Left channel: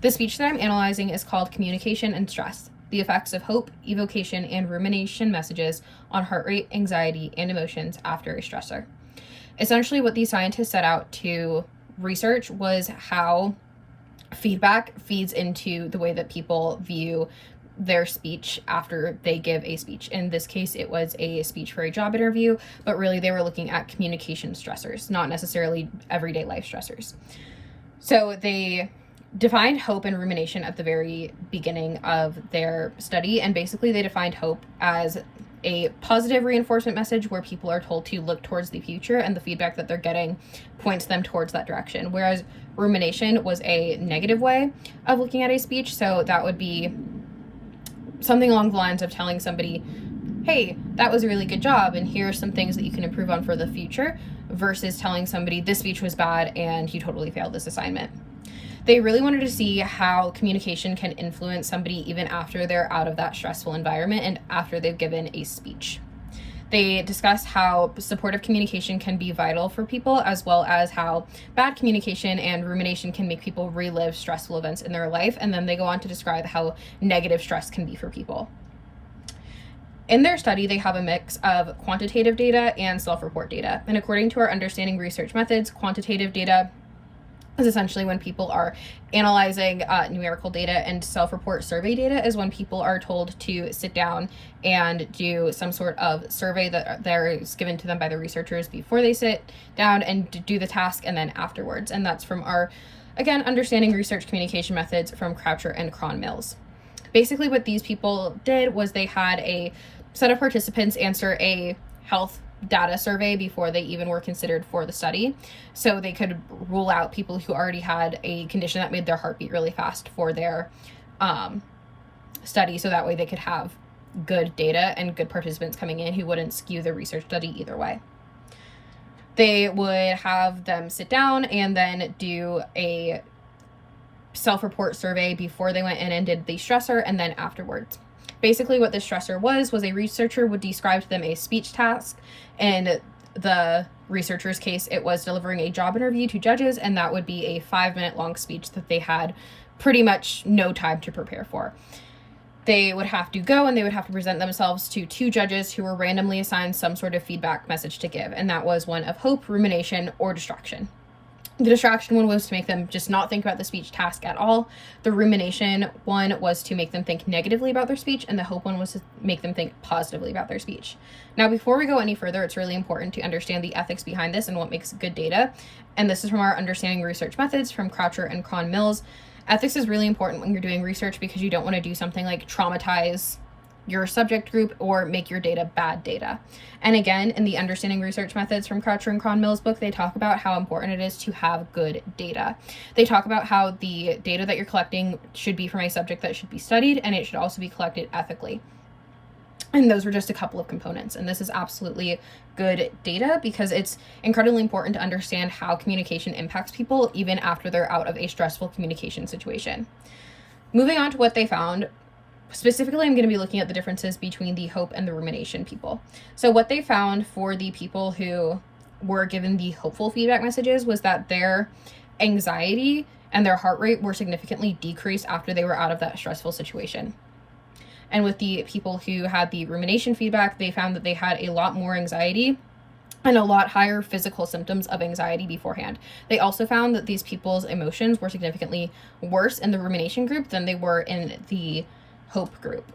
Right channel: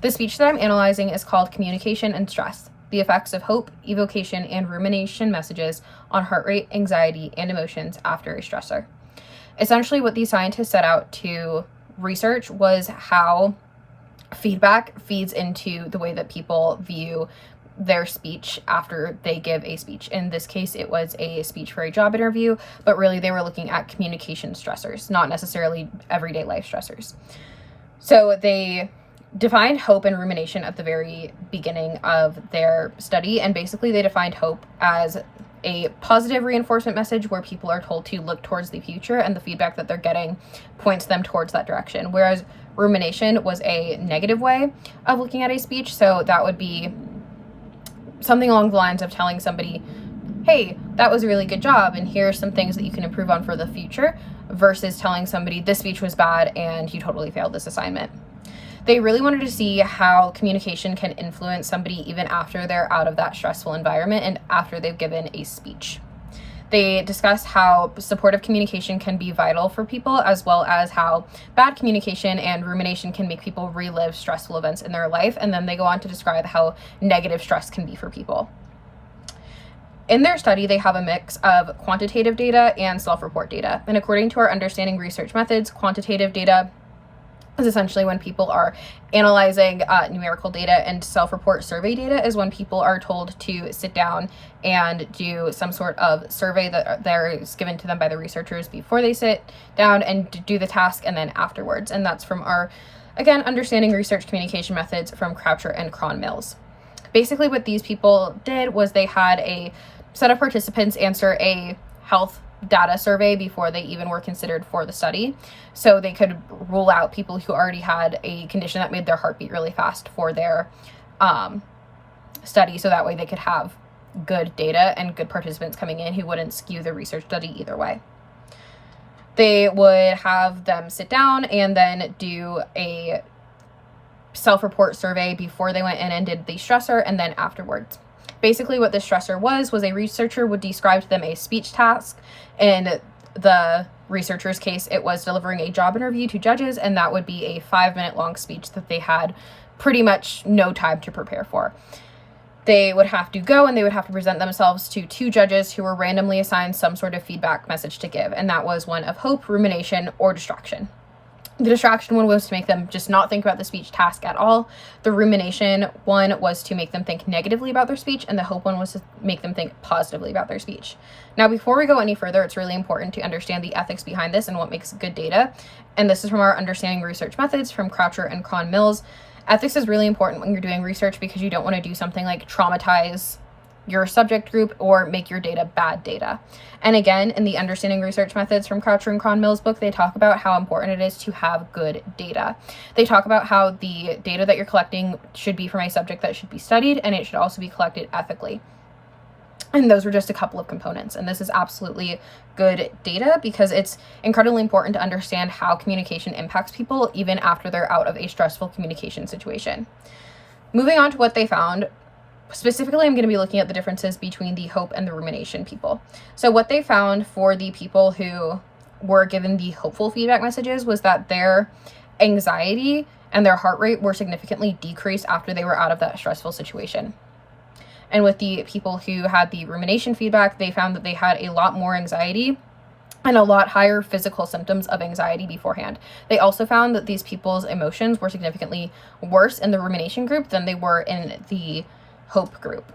The speech that I'm analyzing is called Communication and Stress: The Effects of Hope, Evocation, and Rumination Messages on Heart Rate, Anxiety, and Emotions After a Stressor. Essentially, what these scientists set out to research was how feedback feeds into the way that people view their speech after they give a speech. In this case, it was a speech for a job interview, but really they were looking at communication stressors, not necessarily everyday life stressors. So they defined hope and rumination at the very beginning of their study, and basically they defined hope as a positive reinforcement message where people are told to look towards the future and the feedback that they're getting points them towards that direction, whereas rumination was a negative way of looking at a speech. So that would be something along the lines of telling somebody, hey, that was a really good job and here are some things that you can improve on for the future, versus telling somebody this speech was bad and you totally failed this assignment. They really wanted to see how communication can influence somebody even after they're out of that stressful environment and after they've given a speech. They discussed how supportive communication can be vital for people, as well as how bad communication and rumination can make people relive stressful events in their life. And then they go on to describe how negative stress can be for people. In their study, they have a mix of quantitative data and self-report data. And according to our understanding research methods, quantitative data is essentially when people are analyzing numerical data, and self-report survey data is when people are told to sit down and do some sort of survey that there is given to them by the researchers before they sit down and do the task, and then afterwards. And that's from our, again, understanding research communication methods from Croucher and Cron-Mills. Basically what these people did was they had a set of participants answer a health data survey before they even were considered for the study, so they could rule out people who already had a condition that made their heart beat really fast for their study, so that way they could have good data and good participants coming in who wouldn't skew the research study either way. They would have them sit down and then do a self-report survey before they went in and did the stressor, and then afterwards. Basically what the stressor was a researcher would describe to them a speech task. In the researcher's case, it was delivering a job interview to judges, and that would be a 5-minute long speech that they had pretty much no time to prepare for. They would have to go and they would have to present themselves to 2 judges who were randomly assigned some sort of feedback message to give, and that was one of hope, rumination, or distraction. The distraction one was to make them just not think about the speech task at all. The rumination one was to make them think negatively about their speech, and the hope one was to make them think positively about their speech. Now, before we go any further, it's really important to understand the ethics behind this and what makes good data. And this is from our understanding research methods from Croucher and Cron-Mills. Ethics is really important when you're doing research because you don't want to do something like traumatize your subject group or make your data bad data. And again, in the Understanding Research Methods from Croucher and Cron-Mills book, they talk about how important it is to have good data. They talk about how the data that you're collecting should be from a subject that should be studied, and it should also be collected ethically. And those were just a couple of components. And this is absolutely good data because it's incredibly important to understand how communication impacts people even after they're out of a stressful communication situation. Moving on to what they found. Specifically, I'm going to be looking at the differences between the hope and the rumination people. So what they found for the people who were given the hopeful feedback messages was that their anxiety and their heart rate were significantly decreased after they were out of that stressful situation. And with the people who had the rumination feedback, they found that they had a lot more anxiety and a lot higher physical symptoms of anxiety beforehand. They also found that these people's emotions were significantly worse in the rumination group than they were in the hope group.